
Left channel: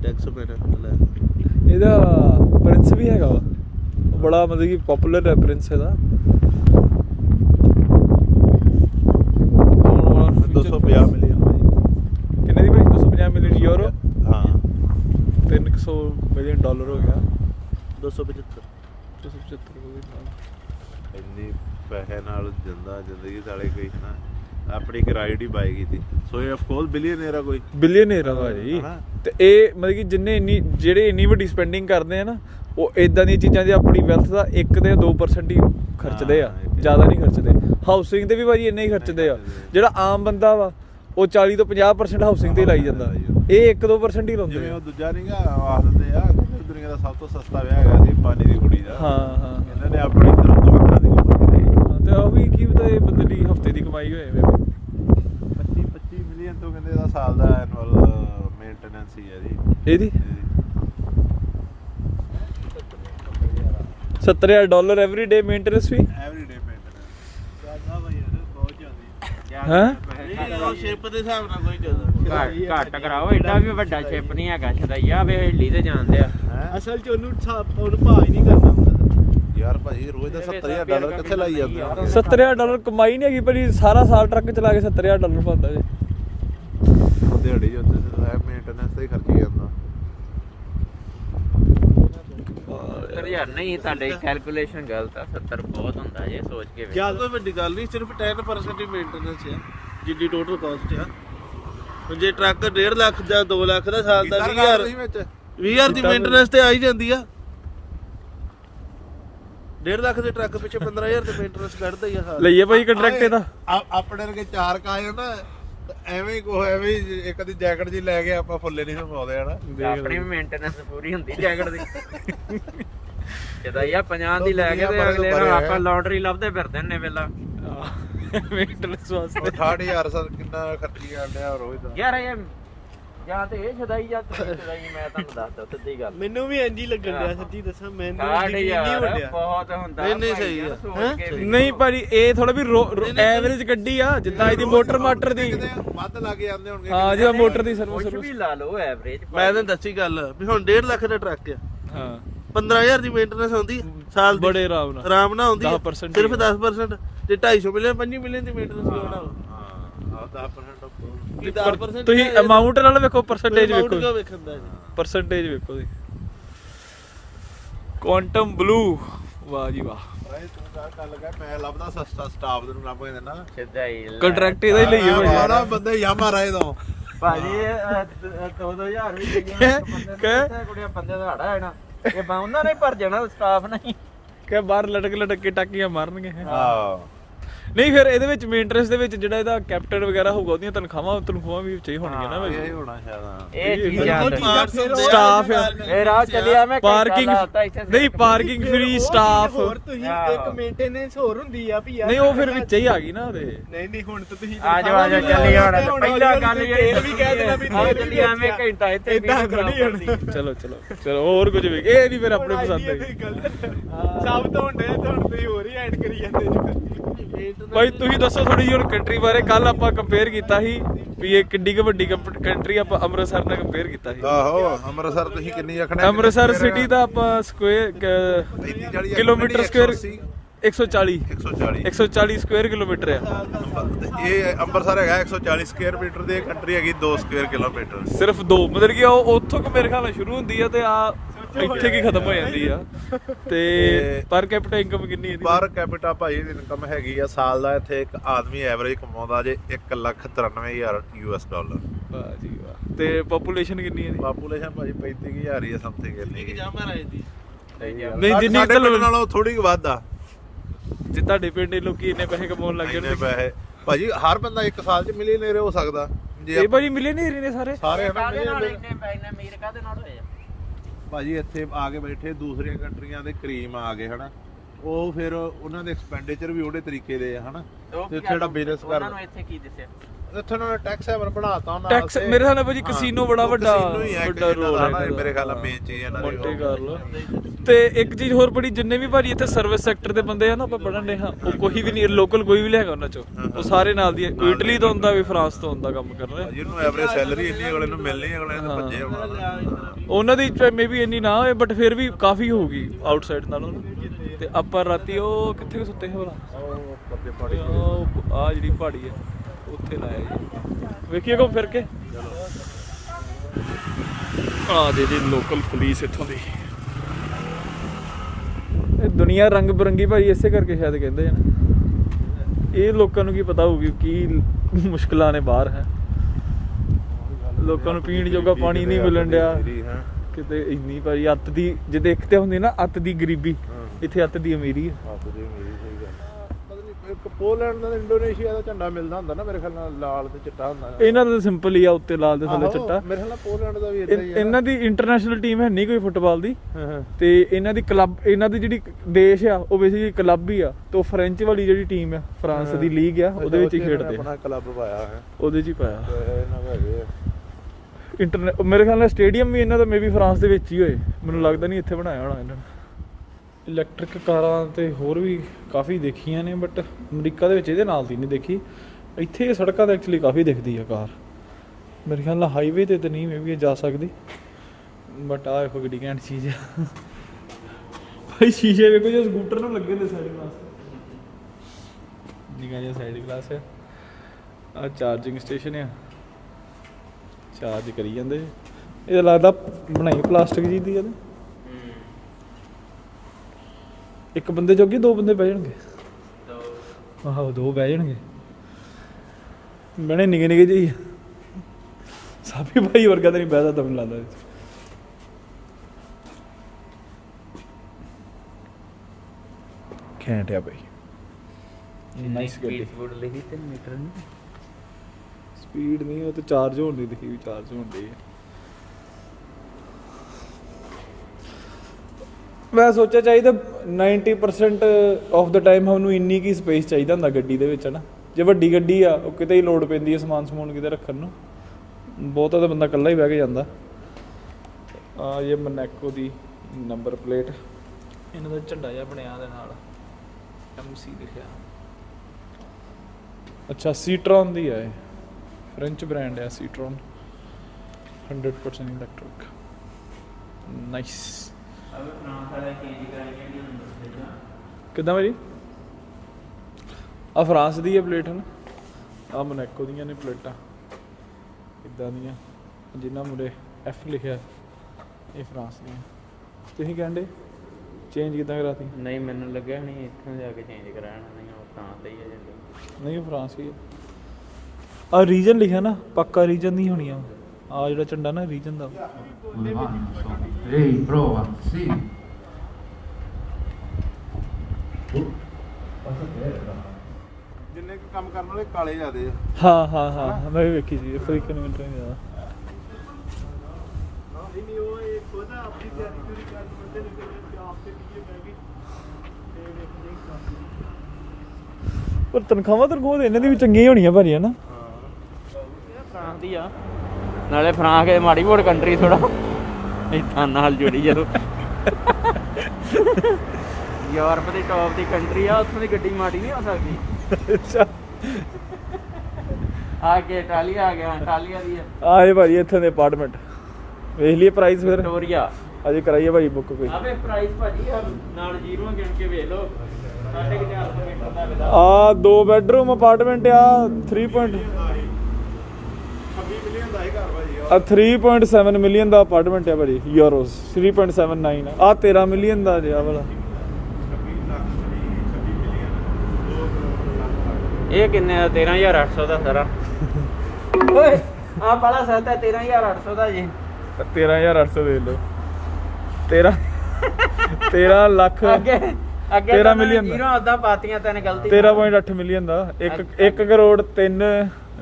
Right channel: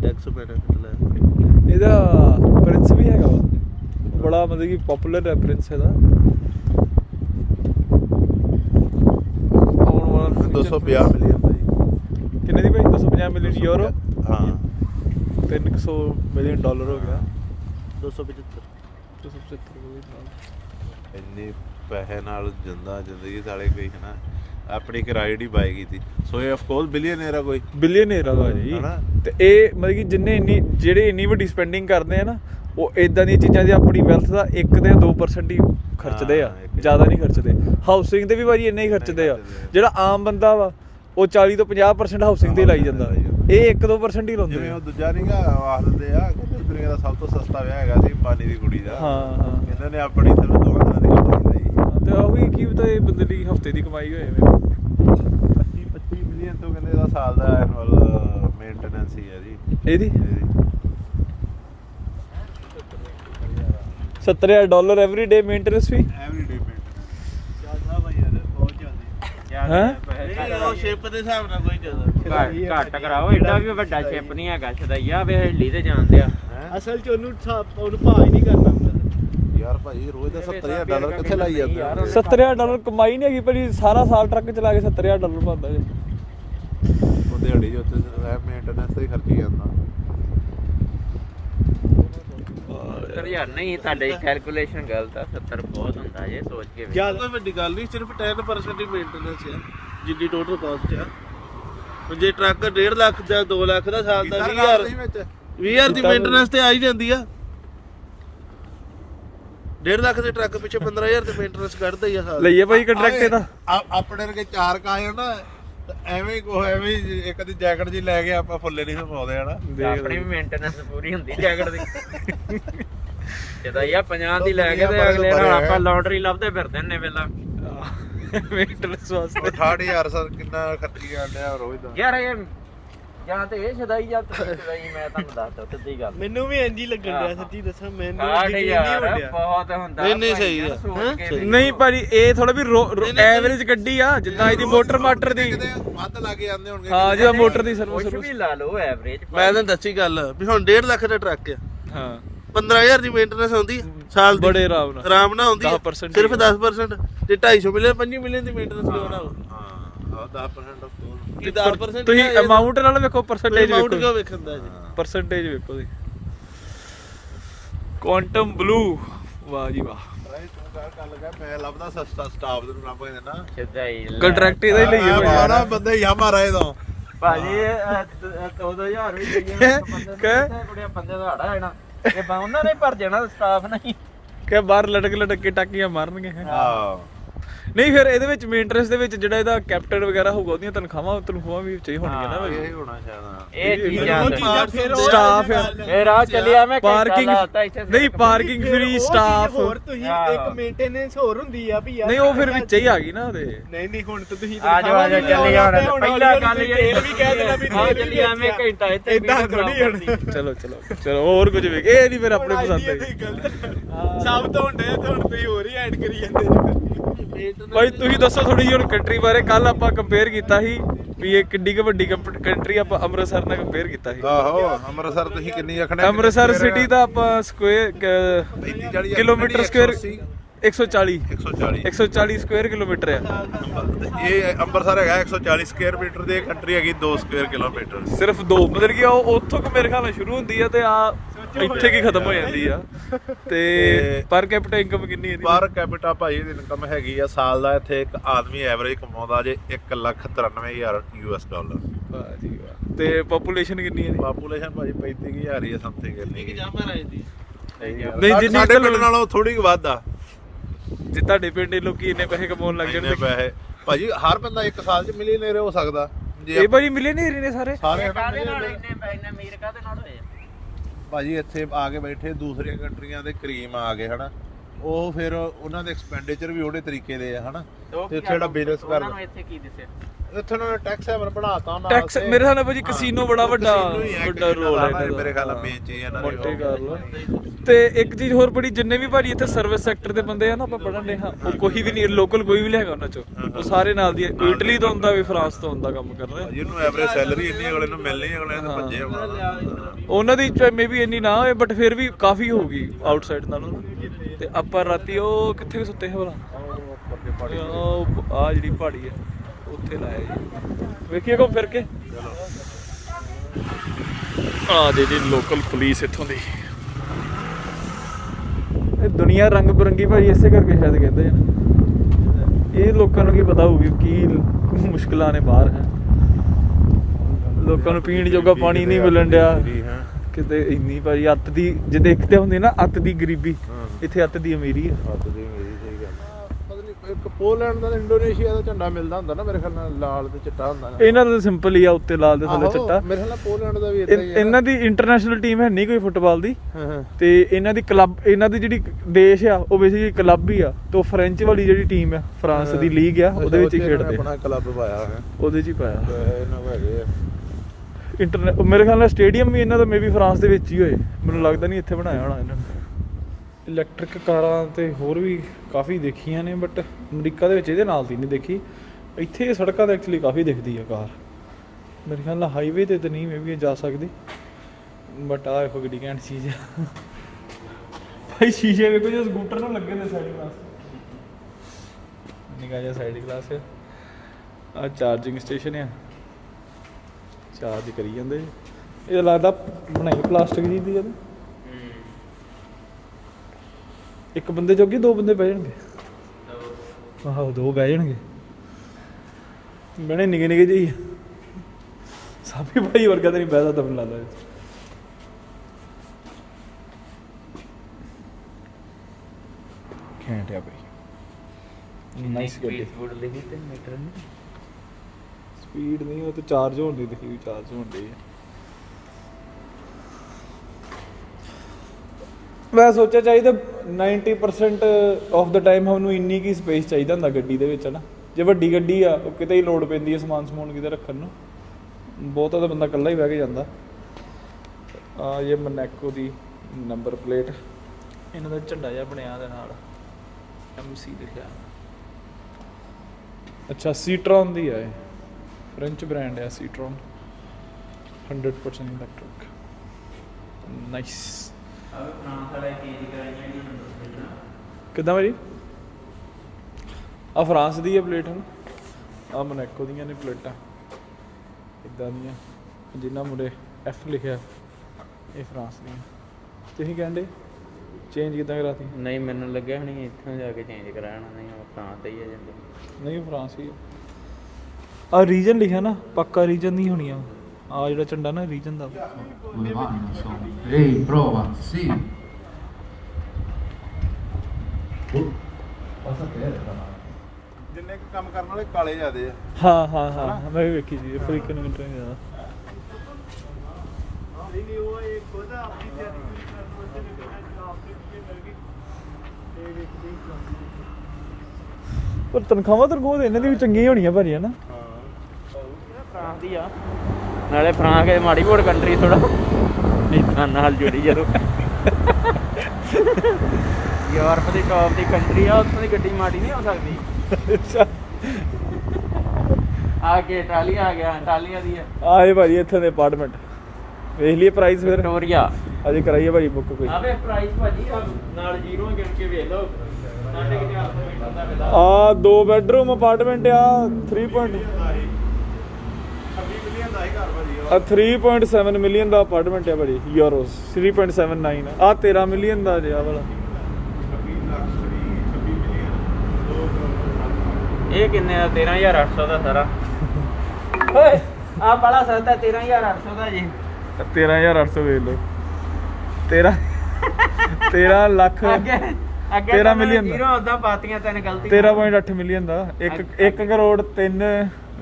ਟੈਕਸ ਪੈਣਾ ਇਹਦਾ ਪ੍ਰਿੰਸ ਵੀ ਹੈਗਾ ਵਾ ਬੜਾ ਮਤਲਬ ਕਿ ਪਪੂਲਰ ਹੈ ਪ੍ਰਿੰਸ ਇਹਦਾ 250 ਮਿਲੀਅਨ ਕਿੰਨੇ ਦੀ ਭਾਈ 250 ਮਿਲੀਅਨ ਯੂਰੋ ਹਾਂ 300 ਮਿਲੀਅਨ ਡਾਲਰ ਹੋ ਗਿਆ 275 275 ਹੋ ਗਏ ਇੰਨੇ ਪੈਸੇ ਨਾਲ ਜ਼ਿੰਦਗੀ ਸਾਲੇ ਕੋਈ ਹੈ ਨਾ ਆਪਣੀ ਇੱਕ ਰਾਈਡ ਹੀ ਬਾਈ ਕੀਤੀ ਸੋ ਇਹ ਆਫ ਕੋਰਸ ਬਿਲੀਅਨਰ ਆ ਕੋਈ ਬਿਲੀਅਨਰ ਆ ਭਾਈ ਹਨਾ? ਤੇ ਇਹ ਮਤਲਬ ਕਿ ਜਿੰਨੇ ਜਿਹੜੇ ਇੰਨੀ ਵੱਡੀ ਸਪੈਂਡਿੰਗ ਕਰਦੇ ਆ ਨਾ ਉਹ ਇਦਾਂ ਦੀਆਂ ਚੀਜ਼ਾਂ 'ਚ ਆਪਣੀ ਵੈਲਥ ਦਾ 1 ਤੇ 2% ਹੀ ਖਰਚਦੇ ਆ ਜ਼ਿਆਦਾ ਨਹੀਂ ਖਰਚਦੇ ਹਾਊਸਿੰਗ ਤੇ ਵੀ ਭਾਜੀ ਇੰਨਾ ਹੀ ਖਰਚਦੇ ਆ ਜਿਹੜਾ ਆਮ ਬੰਦਾ ਵਾ ਉਹ 40 ਤੋਂ 50% ਹਾਊਸਿੰਗ ਤੇ ਲਾਈ ਜਾਂਦਾ ਇਹ 1-2% ਹੀ ਲਾਉਂਦੇ ਜਿਵੇਂ ਆ ਉਹ ਦੂਜਾ ਨਹੀਂਗਾ ਆਖ ਦਿੰਦੇ ਆ ਕਿ ਦੁਨੀਆ ਦਾ ਸਭ ਤੋਂ ਸਸਤਾ ਵਿਆਹ ਹੈਗਾ ਸੀ ਪਾਲੀ ਦੀ ਕੁੜੀ ਦਾ ਹਾਂ ਹਾਂ ਇਹਨਾਂ ਨੇ ਆਪਣੀ ਤਰ੍ਹਾਂ ਦੋ ਤਰ੍ਹਾਂ ਦੀ ਕਮਾਈ ਕੀਤੀ ਤੇ ਉਹ ਵੀ ਕੀ ਪਤਾ ਇਹ ਬੰਦੇ ਦੀ ਹਫਤੇ ਦੀ ਕਮਾਈ ਹੋਏ 25 ਤੋਂ ਕਹਿੰਦੇ ਇਹਦਾ ਸਾਲ ਦਾ ਐਨੂਅਲ ਮੇਨਟੇਨੈਂਸ ਹੀ ਹੈ ਜੀ ਇਹਦੀ $70,000 ਐਵਰੀ ਡੇ ਮੇਨਟੇਨੈਂਸ ਫੀ ਐਵਰੀ ਡੇ ਮੇਨਟੇਨੈਂਸ ਜ਼ਿਆਦਾ ਵਾ ਯਾਰ ਬਹੁਤ ਜ਼ਿਆਦਾ ਹੈਂ? ਨਹੀਂ ਉਹ ਸ਼ਿਪ ਦੇ ਹਿਸਾਬ ਨਾਲ ਕੋਈ ਜ਼ਿਆਦਾ ਘੱਟ ਕਰਾਓ ਏਡਾ ਵੀ ਵੱਡਾ ਸ਼ਿਪ ਨਹੀਂ ਹੈਗਾ ਛਦਾਈਆ ਵੇ ਹੱਲੀ ਤੇ ਜਾਂਦੇ ਆ ਅਸਲ ਚ ਉਹਨੂੰ ਭਾਅ ਹੀ ਨਹੀਂ ਕਰਨਾ ਯਾਰ ਭਾਜੀ ਰੋਜ਼ ਦਾ $70,000 ਕਿੱਥੇ ਲਾਈ ਜਾਂਦੇ ਆ $70,000 ਕਮਾਈ ਨਹੀਂ ਹੈਗੀ ਭਾਜੀ ਸਾਰਾ ਸਾਲ ਟਰੱਕ ਚਲਾ ਕੇ $70,000 ਪਾਉਂਦਾ ਜੀ ਦਿਹਾੜੀ ਜੋ ਤੇ ਮੇਨਟੇਨੈਂਸ ਤੇ ਹੀ ਖਰਚ ਜਾਂਦਾ ਯਾਰ ਨਹੀਂ ਤੁਹਾਡੇ ਕੈਲਕੂਲੇਸ਼ਨ ਗਲਤ ਆ 70 ਬਹੁਤ ਹੁੰਦਾ ਜੇ ਸੋਚ ਕੇ ਵੇਖੋ। ਜ਼ਿਆਦਾ ਕੋਈ ਵੱਡੀ ਗੱਲ ਨਹੀਂ ਸਿਰਫ 10% ਹੀ ਮੇਨਟੇਨੈਂਸ ਹੈ ਜਿੰਨੀ ਟੋਟਲ ਕਾਸਟ ਆ ਹੁਣ ਜੇ ਟਰੱਕ 1.5 ਲੱਖ ਜਾਂ 2 ਲੱਖ ਦਾ ਸਾਲ ਦਾ 20,000 ਦੀ ਮੇਨਟੇਨੈਂਸ ਤੇ ਆ ਹੀ ਜਾਂਦੀ ਆ 1.5 ਲੱਖ ਦੇ ਟਰੱਕ ਪਿੱਛੇ 15,000 ਦੀ ਮੇਨਟੇਨੈਂਸ ਕੱਢਦਾ ਹੀ ਆ ਸਾਲ ਲਈਏ ਭਾਈ ਕੰਟਰੈਕਟ ਇਹਦਾ ਆਪਣੇ ਵਰਗੇ 4 ਕਾਏ ਨਾ ਐਵੇਂ ਹੀ ਕੋ ਐਵੇਂ ਹੀ ਇੱਕ ਦੀ ਜੈਕਟ ਜੀ ਲੈ ਕੇ ਆਪਾਂ ਫੁੱਲੇ ਨਹੀਂ ਪਾਉਂਦੇ ਹਨਾ ਆਪਣੀ ਵੀ ਮੇਨਟੇਨੈਂਸ ਪੂਰੀ ਹੁੰਦੀ ਜੈਕਟ ਦੀ ਛਦਾਈਆ 50 ਦੀ ਲੈ ਕੇ ਤੇ ਅਗਲੇ ਨਾਲ ਆਪਾਂ ਲਾਟਰੀ ਲੱਭਦੇ ਫਿਰਦੇ ਨੇ ਵੇਲਾ ਮੇਨਟੇਨੈਂਸ ਵਾਸਤੇ 60,000 ਸਰ ਕਿੰਨਾ ਖਰਚੀ ਜਾਂਦੇ ਆ ਰੋਜ਼ ਦਾ ਯਾਰ ਇਹ ਜਾਂ ਤੇ ਇਹ ਛਦਾਈ ਜਾਂ ਛਦਾਈ ਮੈਂ ਤੁਹਾਨੂੰ ਦੱਸਦਾ ਸਿੱਧੀ ਗੱਲ ਮੈਨੂੰ ਵੀ ਇੰਜ ਹੀ ਲੱਗਣ ਡਿਆ ਸੱਚੀ ਦੱਸਾਂ ਮੈਨੂੰ 60,000 ਬਹੁਤ ਹੁੰਦਾ ਨਹੀਂ ਸਹੀ ਆ ਨਹੀਂ ਭਾਜੀ ਇਹ ਥੋੜਾ ਵੀ ਐਵਰੇਜ ਗੱਡੀ ਆ ਜਿੱਦਾਂ ਇਹਦੀ ਮੋਟਰ ਮਾਟਰ ਦੀ ਵੱਧ ਲੱਗ ਜਾਂਦੇ ਹੋਣਗੇ ਹਾਂ ਜਿਵੇਂ ਮੋਟਰ ਦੀ ਸਰਵਿਸ ਕੁਝ ਵੀ ਲਾ ਲਓ ਐਵਰੇਜ ਮੈਂ ਤੁਹਾਨੂੰ ਦੱਸੀ ਗੱਲ ਵੀ ਹੁਣ 1.5 ਲੱਖ ਦਾ ਟਰੱਕ ਆ ਹਾਂ 15,000 ਦੀ ਮੇਨਟੇਨੈਂਸ ਆਉਂਦੀ ਸਾਲ ਦੀ ਬੜੇ ਆਰਾਮ ਨਾਲ ਆਰਾਮ ਨਾਲ ਆਉਂਦੀ 10% ਸਿਰਫ 10% ਤੇ 250 ਮਿਲੀਅਨ 5 ਮਿਲੀਅਨ ਦੀ ਮੇਨਟੇਨੈਂਸ ਕਿਉਂ ਨਾ ਹੋ ਆਹ 10% ਕਿ 10% ਤੁਸੀਂ ਅਮਾਉਂਟ ਨਾਲ ਵੇਖੋ ਪਰਸੈਂਟੇਜ ਅਮਾਉਂਟ ਵੇਖੋ ਕਿਉਂ ਵੇਖਦਾ ਜੀ ਪਰਸੈਂਟੇਜ ਵੇਖੋ ਜੀ ਕੁਆਂਟਮ ਬਲੂ ਵਾਹ ਜੀ ਵਾਹ ਰਾਈ ਤੂੰ ਕਰ ਲਗਾ ਮੈਂ ਲੱਭਦਾ ਸਸਤਾ ਸਟਾਫ ਨੂੰ ਲੱਭ ਕੇ ਦੇਣਾ ਛਦਾਈ ਕੰਟਰੈਕਟ ਇਹਦਾ ਹੀ ਲਈਏ ਮਾਰਾ ਬੰਦੇ ਯਾਮਾ ਰਾਏ ਤੋਂ ਭਾਜੀ 2000 ਵੀ ਕੁੜੀਆਂ ਬੰਦੇ ਦਾ ਹਾੜਾ ਆਣਾ ਇਹ ਉਹਨਾਂ ਨੇ ਭਰ ਜਾਣਾ ਸਟਾਫ ਨਹੀਂ ਕਿ ਬਾਹਰ ਲਟਕ ਕੇ ਟਾਕੀਆਂ ਮਾਰਨਗੇ ਹੈਂ। ਹਾਂ ਨਹੀਂ ਫਿਰ ਇਹਦੇ ਵਿੱਚ ਮੇਨਟੇਨੈਂਸ ਦੇ ਵਿੱਚ ਜਿਹੜਾ ਇਹਦਾ ਕੈਪਟਨ ਵਗੈਰਾ ਹੋਊਗਾ ਉਹਦੀਆਂ ਤਨਖਾਹਾਂ ਵੀ ਚਾਹੀ ਹੋਣਗੀਆਂ ਨਾ ਭਾਈ ਇਹ ਹੋਣਾ ਸ਼ਾਇਦ ਇਹ ਚੀਜ਼ਾਂ ਫਿਰ ਸਟਾਫ ਆ ਫੇਰ ਆ ਚੱਲਿਆ ਮੈਂ ਪਾਰਕਿੰਗ ਨਹੀਂ ਪਾਰਕਿੰਗ ਫ੍ਰੀ ਸਟਾਫ ਹੋਰ ਤੁਸੀਂ ਇੱਕ ਮੇਨਟੇਨੈਂਸ ਹੋਰ ਹੁੰਦੀ ਆ ਵੀ ਯਾਰ ਨਹੀਂ ਉਹ ਫਿਰ ਵਿੱਚ ਹੀ ਆ ਗਈ ਨਾ ਉਹਦੇ ਨਹੀਂ ਹੁਣ ਤਾਂ ਤੁਸੀਂ ਆ ਜਾ ਚੱਲੀ ਜਾਣਾ ਪਹਿਲਾਂ ਗੱਲ ਤੇਲ ਵੀ ਕਹਿ ਦੇਣਾ ਵੀ ਆ ਤੇਲ ਵੀ ਚੱਲਿਆ ਮੈਂ ਘੰਟਾ ਇੱਥੇ ਏਦਾਂ ਥੋੜੀ ਹੁਣ ਚਲੋ ਹੋਰ ਕੁਝ ਵੇਖ ਇਹ ਨਹੀਂ ਫਿਰ ਆਪਣੇ ਪਸੰਦ ਹੈ ਸਭ ਤੋਂ ਹੁੰਦੇ ਤੇ ਹੁਣ ਤੁਸੀਂ ਹੋਰ ਹੀ ਐਡ ਕਰੀ ਜਾਂਦੇ ਭਾਈ ਤੁਸੀਂ ਦੱਸੋ ਥੋੜੀ ਜਿਹੀ ਹੁਣ ਕੰਟਰੀ ਬਾਰੇ ਕੱਲ ਆਪਾਂ ਕੰਪੇਅਰ ਕੀਤਾ ਸੀ ਵੀ ਇਹ ਕਿੰਨੀ ਕੁ ਵੱਡੀ ਕੰਟਰੀ ਆਪਾਂ ਅੰਮ੍ਰਿਤਸਰ ਨਾਲ ਕੰਪੇਅਰ ਕੀਤਾ ਸੀ ਆਹੋ ਅੰਮ੍ਰਿਤਸਰ ਤੁਸੀਂ ਕਿੰਨੀ ਆਖਣਾ ਅੰਮ੍ਰਿਤਸਰ ਸਿਟੀ ਦਾ ਆਪਾਂ square kilometre square 140 square kilometre ਆ ਇਹ ਅੰਮ੍ਰਿਤਸਰ ਹੈਗਾ 140 ਸਕੁਅਰ ਮੀਟਰ ਦੀ ਕੰਟਰੀ ਹੈਗੀ 2 ਸਕੁਅਰ ਕਿਲੋਮੀਟਰ ਸਿਰਫ 2 ਮਤਲਬ ਕਿ ਉਹ ਉੱਥੋਂ ਮੇਰੇ ਖਿਆਲ ਨਾਲ ਸ਼ੁਰੂ ਹੁੰਦੀ ਆ ਤੇ ਆ ਇੱਥੇ ਕੀ ਖਤਮ ਹੋ ਜਾਂਦੀ ਆ ਤੇ ਪਰ ਕੈਪੀਟਲ ਇਨਕਮ ਕਿੰਨੀ ਇਹਦੀ ਪਰ ਕੈਪੀਟਾ ਭਾਈ ਦੀ ਇਨਕਮ ਹੈਗੀ ਆ ਸਾਲ ਦਾ ਇੱਥੇ ਇੱਕ ਆਦਮੀ ਐਵਰੇਜ ਕਮਾਉਂਦਾ ਜੇ $1,93,000 ਵਾਹ ਜੀ ਵਾਹ ਤੇ ਪੋਪੂਲੇਸ਼ਨ ਕਿੰਨੀ ਹੈ ਪਾਪੂਲੇਸ਼ਨ ਭਾਜੀ 35,000 ਹੀ ਆ ਸਮਥਿੰਗ ਇੰਨੀ ਜਾ ਮਹਾਰਾਜ ਦੀ ਨਹੀਂ ਜਿੰਨੀ ਸਾਡੇ ਪਿੰਡ ਨਾਲੋਂ ਥੋੜੀ ਕੁ ਵੱਧ ਆ ਜੇ ਤੁਹਾਡੇ ਪਿੰਡ ਦੇ ਲੋਕੀ ਇੰਨੇ ਪੈਸੇ ਕਮਾਉਣ ਲੱਗ ਇੰਨੇ ਜਾਣ ਪੈਸੇ ਭਾਜੀ ਹਰ ਬੰਦਾ ਇੱਕ ਸਾਲ 'ਚ ਮਿਲੀਅਨਰ ਹੋ ਸਕਦਾ ਇਹ ਭਾਜੀ ਮਿਲੇ ਨਹੀਂ ਰਹੇ ਨੇ ਸਾਰੇ ਸਾਰੇ ਕਾਦੇ ਨਾਲ ਇੰਨੇ ਪੈਸੇ ਅਮੀਰ ਕਾਦੇ ਨਾਲ ਹੋਏ ਭਾਜੀ ਇੱਥੇ ਆ ਕੇ ਬੈਠੇ ਦੂਸਰੀਆਂ ਕੰਟਰੀਆਂ ਦੇ ਕਰੀਮ ਆ ਗਏ ਹਨਾ ਉਹ ਫਿਰ ਉਹਨਾਂ ਦੇ ਐਕਸਪੈਂਡੀਚਰ ਵੀ ਉਹਦੇ ਤਰੀਕੇ ਦੇ ਆ ਹਨਾ ਤੇ ਇੱਥੇ ਜਿਹੜਾ ਬਿਜ਼ਨਸ ਉਹਨਾਂ ਕਰਦਾ ਨੂੰ ਇੱਥੇ ਕੀ ਦੱਸਿਆ ਇੱਥੇ ਉਹਨਾਂ ਨੇ ਟੈਕਸ ਹੈਵਨ ਬਣਾਤਾ ਉਹਨਾਂ ਟੈਕਸ ਮੇਰੇ ਖਿਆਲ ਨਾਲ ਭਾਜੀ ਕਸੀਨੋ ਬੜਾ ਵੱਡਾ ਰੋਲ ਹੈ ਮੇਰੇ ਇਹਨਾਂ ਖਿਆਲ ਦਾ ਨਾਲ ਮੇਨ ਚੀਜ਼ ਇਹਨਾਂ ਮੋਟੇ ਕਰ ਲਓ ਤੇ ਇੱਕ ਚੀਜ਼ ਹੋਰ ਬੜੀ ਜਿੰਨੇ ਵੀ ਭਾਜੀ ਇੱਥੇ ਸਰਵਿਸ ਸੈਕਟਰ ਦੇ ਬੰਦੇ ਆ ਨਾ ਆਪਾਂ ਪੜ੍ਹਨ ਦੇ ਹਾਂ ਉਹ ਕੋਈ ਵੀ ਨਹੀਂ ਲੋਕਲ ਕੋਈ ਵੀ ਨਹੀਂ ਹੈਗਾ ਉਹਨਾਂ ਚੋਂ ਉਹ ਸਾਰੇ ਨਾਲ ਦੀ ਇਟਲੀ ਤੋਂ ਹੁੰਦਾ ਵੀ ਫਰਾਂਸ ਤੋਂ ਹੁੰਦਾ ਕੰਮ ਕਰ ਰਹੇ ਜਿਹਨੂੰ ਐਵਰੇਜ ਸੈਲਰੀ ਇੰਨੀ ਅਗਲੇ ਨੂੰ ਮਿਲਣੀ ਅਗਲੇ ਨੇ ਭੱਜੇ ਆਉਣਾ ਉਹਨਾਂ ਦੀ ਮੇ ਵੀ ਇੰਨੀ ਨਾ ਹੋਏ ਬਟ ਫਿਰ ਵੀ ਕਾਫੀ ਹੋਊਗੀ ਆਊਟਸਾਈਡ ਨਾਲੋਂ ਤੇ ਆਪਾਂ ਰਾਤੀ ਉਹ ਕਿੱਥੇ ਸੁੱਤੇ ਸੀ ਭਲਾ ਆ ਜਿਹੜੀ ਪਹਾੜੀ ਆ ਉੱਥੇ ਲਾਇਆ ਜੀ ਵੇਖੀਏ ਕੋ ਫਿਰ ਕੇ ਆ ਦੇ ਲੋਕਲ ਪੁਲਿਸ ਇੱਥੋਂ ਦੀ ਇਹ ਦੁਨੀਆ ਰੰਗ ਬਰੰਗੀ ਭਾਈ ਇਸੇ ਕਰਕੇ ਸ਼ਾਇਦ ਕਹਿੰਦੇ ਆ ਇਹ ਲੋਕਾਂ ਨੂੰ ਕੀ ਪਤਾ ਹੋਊਗੀ ਕੀ ਮੁਸ਼ਕਲਾਂ ਨੇ ਬਾਹਰ ਹੈ ਲੋਕਾਂ ਨੂੰ ਪੀਣ ਜੋਗਾ ਪਾਣੀ ਨਹੀਂ ਮਿਲਣ ਡਿਆ ਕਿਤੇ ਇੰਨੀ ਭਾਈ ਅੱਤ ਦੀ ਜੇ ਦੇਖਦੇ ਹੁੰਦੇ ਨਾ ਅੱਤ ਦੀ ਗਰੀਬੀ ਇੱਥੇ ਅੱਤ ਦੀ ਅਮੀਰੀ ਹੈ ਇੱਕ ਪੋਲੈਂਡ ਦਾ ਇੰਡੋਨੇਸ਼ੀਆ ਦਾ ਝੰਡਾ ਮਿਲਦਾ ਹੁੰਦਾ ਨਾ ਮੇਰੇ ਖਿਆਲ ਨਾਲ, ਲਾਲ ਤੇ ਚਿੱਟਾ ਹੁੰਦਾ। ਇਹਨਾਂ ਦਾ ਸਿੰਪਲ ਹੀ ਆ, ਉੱਤੇ ਲਾਲ ਦੇ ਥੱਲੇ ਆਹੋ, ਚਿੱਟਾ। ਮੇਰੇ ਖਿਆਲ ਨਾਲ ਪੋਲੈਂਡ ਦਾ ਵੀ ਇਦਾਂ ਹੀ ਆ। ਇਹਨਾਂ ਦੀ ਇੰਟਰਨੈਸ਼ਨਲ ਟੀਮ ਹੈ ਨਹੀਂ ਕੋਈ ਫੁੱਟਬਾਲ ਦੀ, ਹਾਂ ਤੇ ਇਹਨਾਂ ਦੀ ਕਲੱਬ, ਇਹਨਾਂ ਦੀ ਜਿਹੜੀ ਦੇਸ਼ ਆ ਉਹ ਬੇਸਿਕਲੀ ਕਲੱਬ ਹੀ ਆ। ਤੇ ਉਹ ਫ੍ਰੈਂਚ ਵਾਲੀ ਜਿਹੜੀ ਟੀਮ ਆ, ਫਰਾਂਸ ਦੀ ਲੀਗ ਆ, ਉਹਦੇ ਵਿੱਚ ਹੀ ਖੇਡਦੇ ਆ। ਆਪਣਾ ਕਲੱਬ ਪਾਇਆ ਹੈ ਉਹਦੇ 'ਚ ਹੀ ਪਾਇਆ। ਇਹਨਾਂ ਦਾ ਹੈਗੇ ਆ। ਮੇਰੇ ਖਿਆਲ ਨਾਲ ਸਟੇਡੀਅਮ ਵੀ ਇਹਨਾਂ ਦਾ ਮੇਬੀ ਫਰਾਂਸ ਦੇ ਵਿੱਚ ਹੀ ਹੋਏ, ਮੈਨੂੰ ਲੱਗਦਾ ਨਹੀਂ ਇੱਥੇ ਬਣਾਇਆ ਹੋਣਾ ਇਹਨਾਂ ਨੇ। ਇਲੈਕਟ੍ਰਿਕ ਕਾਰਾਂ ਤੇ ਹੋਰ ਵੀ ਕਾਫੀ ਦੇਖੀਆਂ ਨੇ, ਬਟ ਅਮਰੀਕਾ ਦੇ ਵਿੱਚ ਇਹਦੇ ਨਾਲ ਦੀ ਨਹੀਂ ਦੇਖੀ। ਇੱਥੇ ਸੜਕਾਂ ਤੇ ਐਕਚੁਅਲੀ ਕਾਫੀ ਦਿਖਦੀ ਆ ਕਾਰ। ਮੇਰੇ ਖਿਆਲ ਨਾਲ ਹਾਈਵੇ ਤੇ ਤਾਂ ਨਹੀਂ ਮੇਬੀ ਜਾ ਸਕਦੇ, ਬਟ ਆਹ ਦੇਖੋ ਕਿੱਡੀ ਘੈਂਟ ਚੀਜ਼ ਆ ਭਾਈ। ਸ਼ੀਸ਼ੇ ਵੇਖੋ ਜੋ ਸਕੂਟਰ ਨੂੰ ਲੱਗੇ ਨੇ ਸਾਈਡ ਵਾਸਤੇ, ਨਿਕਾ ਜਿਹਾ ਸਾਈਡ ਗਲਾਸ ਹੈ। ਆ ਚਾਰਜਿੰਗ ਸਟੇਸ਼ਨ ਆ, ਚਾਰਜ ਕਰੀ ਜਾਂਦੇ। ਇਹ ਲੱਗਦਾ ਬਣਾਈ ਪਲਾਸਟਿਕ ਦੀ ਦੀ ਇਹਦੇ। ਇੱਕ ਬੰਦੇ ਜੋਗੇ ਦੋ ਬੰਦੇ ਬਹਿ ਜਾਣਗੇ। ਆਹੋ ਦੋ ਬਹਿ ਜਾਣਗੇ। ਬਣੇ ਨਿਗੇ ਨਿਗੇ ਜਿਹੀ ਸਾਬੀ ਭਾਈ ਵਰਗਾ ਤਾਂ ਨਹੀਂ ਬਹਿਦਾ ਤਾਂ ਮੈਨੂੰ ਲੱਗਦਾ। ਘੈਂਟ ਆ ਭਾਈ, ਨਾਈਸ ਗੱਡੀ। ਫੂਡ ਲਿਖੀ ਤੇ ਮੀਟਰ ਨਹੀਂ, ਸਪੀਡ ਨਹੀਂ, ਉਹ ਤੇ ਚਾਰਜ ਹੋਣ ਦੀ ਲਿਖੀ, ਚਾਰਜ ਹੋਣ ਦੀ ਹੈ। ਮੈਂ ਸੋਚਿਆ ਚਾਹੀਦਾ 90% ਆਫ ਦਾ ਟਾਈਮ ਸਾਨੂੰ ਇੰਨੀ ਕੀ ਸਪੇਸ ਚਾਹੀਦਾ ਹੁੰਦਾ ਗੱਡੀ ਦੇ ਵਿੱਚ, ਹੈ ਨਾ। ਜੇ ਵੱਡੀ ਗੱਡੀ ਆ ਉਹ ਕਿਤੇ ਹੀ ਲੋੜ ਪੈਂਦੀ ਹੈ ਸਮਾਨ ਸਮੂਨ ਕਿਤੇ ਰੱਖਣ ਨੂੰ, ਬਹੁਤਾ ਤਾਂ ਬੰਦਾ ਇਕੱਲਾ ਹੀ ਬਹਿ ਕੇ ਜਾਂਦਾ। ਆ ਇਹ ਮਨੈਕੋ ਦੀ ਨੰਬਰ ਪਲੇਟ, ਇਹਨਾਂ ਦਾ ਝੰਡਾ ਜਿਹਾ ਬਣਿਆ ਦੇ ਨਾਲ MC ਲਿਖਿਆ। ਅੱਛਾ ਸੀਟਰੋਨ ਦੀ ਹੈ, ਫ੍ਰੈਂਚ ਬ੍ਰਾਂਡ ਹੈ ਸੀਟਰੋਨ, 100% ਇਲੈਕਟ੍ਰਿਕ। ਨਾਈਸ। ਕਿੱਦਾਂ ਭਾਜੀ? ਆ ਫਰਾਂਸ ਦੀ ਹੈ ਪਲੇਟ, ਹਨ ਆ ਮੋਨੈਕੋ ਦੀਆਂ ਨੇ ਪਲੇਟਾਂ ਇੱਦਾਂ ਦੀਆਂ, ਜਿਨ੍ਹਾਂ ਮੁਰੇ F ਲਿਖਿਆ, ਇਹ ਫਰਾਂਸ ਦੀਆਂ। ਤੁਸੀਂ ਕਹਿੰਦੇ ਚੇਂਜ ਕਿੱਦਾਂ ਕਰਾਤੀ? ਨਹੀਂ ਮੈਨੂੰ ਲੱਗਿਆ ਨਹੀਂ ਇੱਥੋਂ ਜਾ ਕੇ ਚੇਂਜ ਕਰਾਉਣਾ, ਨਹੀਂ ਉਹ ਤਾਂ ਤੇ ਹੀ ਆ ਜਾਂਦਾ। ਨਹੀਂ ਫਰਾਂਸ ਹੀ ਆ। ਰੀਜਨ ਲਿਖਿਆ ਨਾ, ਪੱਕਾ ਰੀਜਨ ਨਹੀਂ ਹੋਣੀ ਆ। ਆ ਜਿਹੜਾ ਝੰਡਾ ਨਾ ਰੀਜਨ ਦਾ। Ehi, prova, sì. ਜਿੰਨੇ ਕੁ ਕੰਮ ਕਰਨ ਵਾਲੇ ਕਾਲੇ ਜ਼ਿਆਦੇ ਆ। ਹਾਂ ਹਾਂ ਹਾਂ ਮੈਂ ਵੀ ਵੇਖੀ ਸੀ ਅਫਰੀਕਨ ਕੰਟਰੀ ਦਾ। ਪਰ ਤਨਖਾਹਾਂ ਤਾਂ ਇਹਨਾਂ ਦੀ ਵੀ ਚੰਗੀਆਂ ਹੋਣੀਆਂ ਭਾਜੀ, ਹਨਾ। ਫਰਾਂਸ ਦੀ ਆ, ਨਾਲੇ ਫਰਾਂਸ ਕੇ ਮਾੜੀ ਮੋੜ ਕੰਟਰੀ ਥੋੜਾ ਨੀਤਾਂ ਨਾਲ ਜੁੜੀ ਜਦੋਂ ਯੂਰਪ ਦੀ ਟੌਪ ਦੀ ਕੰਟਰੀ ਆ, ਉੱਥੋਂ ਦੀ ਗੱਡੀ ਮਾੜੀ ਨਹੀਂ ਹੋ ਸਕਦੀ। ਅੱਛਾ ਆ ਕੇ ਇਟਾਲੀਆ ਆ ਗਿਆ, ਇਟਾਲੀਆ ਦੀ ਆ ਆਏ ਭਾਜੀ ਇੱਥੇ ਦੇ ਅਪਾਰਟਮੈਂਟ। ਵੇਖ ਲਈਏ ਪ੍ਰਾਈਸ ਫਿਰ, ਵਿਕਟੋਰੀਆ। ਅਜੇ ਕਰਾਈਏ ਭਾਜੀ ਬੁੱਕ ਕੋਈ। ਆਵੇ ਪ੍ਰਾਈਸ ਭਾਜੀ ਆ ਨਾਲ ਜ਼ੀਰੋ ਗਿਣ ਕੇ ਵੇਖ ਲਓ, 450 ਰੁਪਏ ਦਾ ਮਿਲਦਾ। ਆ 2 ਬੈਡਰੂਮ ਅਪਾਰਟਮੈਂਟ ਆ 3.7 ਮਿਲੀਅਨ ਦਾ ਅਪਾਰਟਮੈਂਟ ਆ ਭਾਜੀ, ਯੂਰੋਸ 3.79 ਆ 13 ਮਿਲੀਅਨ ਦਾ ਜੇ ਆ ਵਾਲਾ। ਇਹ ਕਿੰਨੇ ਦਾ? 13,800 ਦਾ ਸਾਰਾ। ਓਏ ਆ ਬੜਾ ਸਸਤਾ 13,800 ਦਾ ਜੀ। 13,800 ਵੇਚ ਲਓ। 13 ਲੱਖ ਅੱਗੇ 13 ਮਿਲੀਅਨ ਦਾ। ਜ਼ੀਰੋ ਉਦਾਂ ਪਾਤੀਆਂ ਤੈਨ ਗਲਤੀ। 13.8 ਮਿਲੀਅਨ ਦਾ। 1 ਕਰੋੜ 3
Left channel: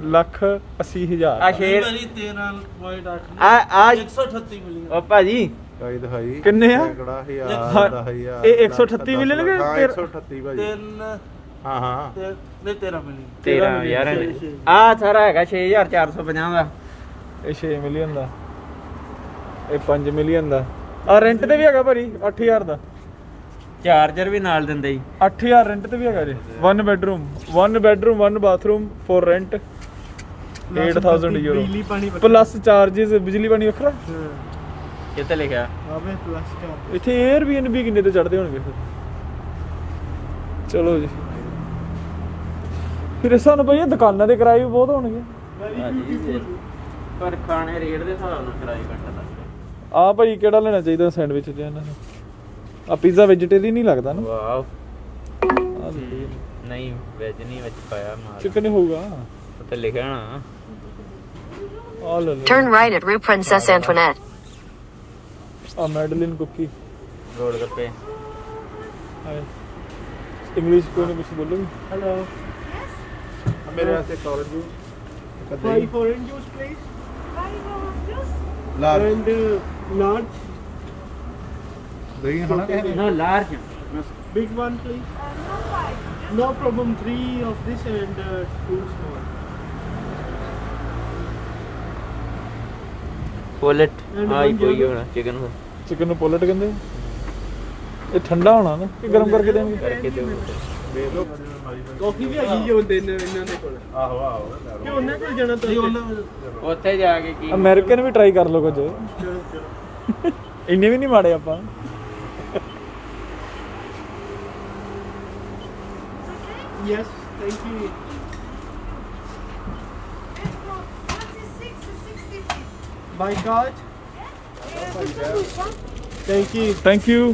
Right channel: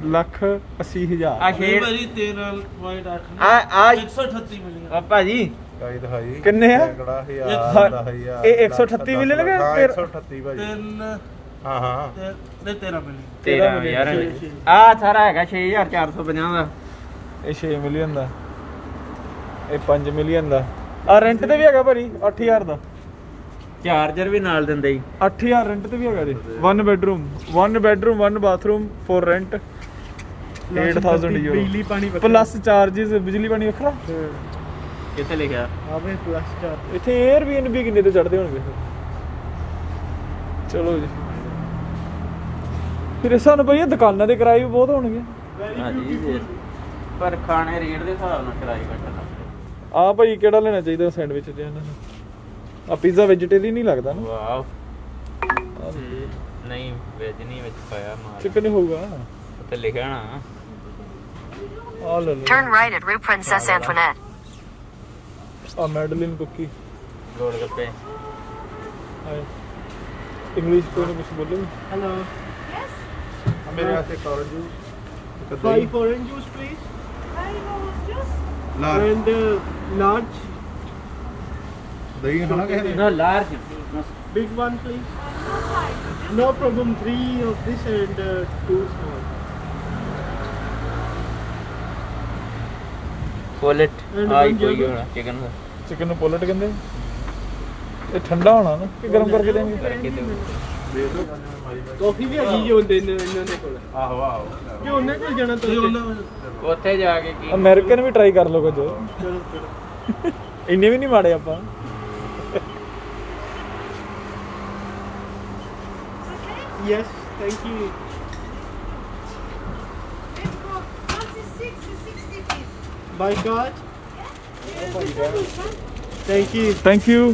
ਲੱਖ 80 ਹਜ਼ਾਰ। ਆ ਸ਼ੇਰ ਭਾਜੀ 13.8 ਆ 138 ਮਿਲੀਅਨ। ਆ ਭਾਜੀ ਭਾਈ ਦਿਖਾਈ ਕਿੰਨੇ ਆ? ਕਿਹੜਾ ਹਾਂ, 10,000 ਇਹ 138 ਮਿਲੀਅਨ ਕਿ 138 ਭਾਜੀ। 3 ਹਾਂ ਹਾਂ ਤੇ 13 ਮਿਲੀਅਨ। 13 ਯਾਰ ਆ ਸਾਰਾ ਹੈਗਾ 6,450 ਦਾ। ਇਹ 6 ਮਿਲੀਅਨ ਦਾ। ਇਹ 5 ਮਿਲੀਅਨ ਦਾ। ਆ ਰੈਂਟ ਤੇ ਵੀ ਹੈਗਾ ਭਾਜੀ 8000 ਦਾ। ਚਾਰਜਰ ਵੀ ਨਾਲ ਦਿੰਦੇ ਜੀ। 8000 ਰੈਂਟ ਤੇ ਵੀ ਹੈਗਾ ਜੀ। 1 bedroom 1 bathroom for rent 8000 euro. ਬਿਜਲੀ ਪਾਣੀ ਪਲੱਸ ਚਾਰजेस, ਬਿਜਲੀ ਪਾਣੀ ਵੱਖਰਾ। ਕਿੱਥੇ ਲਿਖਿਆ? ਆਪੇ ਪਲੱਸ 4 ਇੱਥੇ Airbnb ਕਿੰਨੇ ਤੇ ਚੜਦੇ ਹੋਣਗੇ ਫਿਰ? ਚਲੋ ਜੀ ਫਿਰ ਸਾਨੂੰ ਭਾਈ ਦੁਕਾਨਾਂ ਦੇ ਕਿਰਾਏ ਵੀ ਬਹੁਤ ਹੋਣਗੇ। ਪਰ ਖਾਣੇ ਰੇਟ ਦੇ ਹਿਸਾਬ ਨਾਲ ਕਿਰਾਇਆ ਘਟਦਾ। ਆ ਭਾਈ ਕਿਹੜਾ ਲੈਣਾ ਚਾਹੀਦਾ ਸੈਂਡਵਿਚ ਚ ਇਹਨਾਂ ਨੂੰ? ਆ ਪੀਜ਼ਾ ਵੈਜੀਟੇਰੀਅਨ ਨਹੀਂ ਲੱਗਦਾ ਨਾ? ਵਾਓ ਆ ਨਹੀਂ ਵੈਜ ਨਹੀਂ ਵਿੱਚ ਪਾਇਆ ਮਾਰ ਚਿਕਨ ਹੀ ਹੋਊਗਾ। ਉੱਤੇ ਲਿਖਿਆ ਨਾ। ਆ ਲੈ ਲਓ। Turn right at Rue Princesse Antoinette. ਆ Madeleine cookie. Gol gappe. English ਕੋਈ ਨਾ ਕੁਝ ਬੋਲੋ Hello. ਮੇਰੇ ਵਾਸਤੇ college juice 5 orange juice, please. Lal And large. ਦਹੀਂ ਹੋਣਾ ਕਿਸੇ ਨਾ large Big one, please. No problem. 3 of this and 2 small. ਪੋਲਟ And I one ਕੋਈ yogurt. ਹੋਣਾ ਚਿਕਨ ਦਾ ਚਿਕਨ ਨੂੰ ਪੋਲਟ ਕਹਿੰਦੇ ਆ? ਇਹ ਠੰਡਾ ਹੋਣਾ ਨਾ ਕਿ ਗਰਮ ਕਰਕੇ ਦੇਣਗੇ ਕਰਕੇ ਦਿਓ Coffee ਵੀ ਹੈਗੀ ਜੋ ਹੁੰਦੇ ਨੇ ਇਹਨਾਂ ਦੇ ਕੋਲ। ਆਹੋ ਆਹੋ ਕਿ ਉਹਨਾਂ ਕੋਲ ਜਾਣਾ ਤਾਂ ਉੱਥੇ ਜਾ ਕੇ ਕੀ ਅਮਰੀਕਨ ਵੀ ਟਰਾਈ ਕਰ ਲਓ ਕੁਝ ਚਲੋ ਇੰਨੇ ਵੀ ਨਹੀਂ ਮਾੜੇ ਆਪਾਂ Yes, thank you. By God. Thank you. Thank you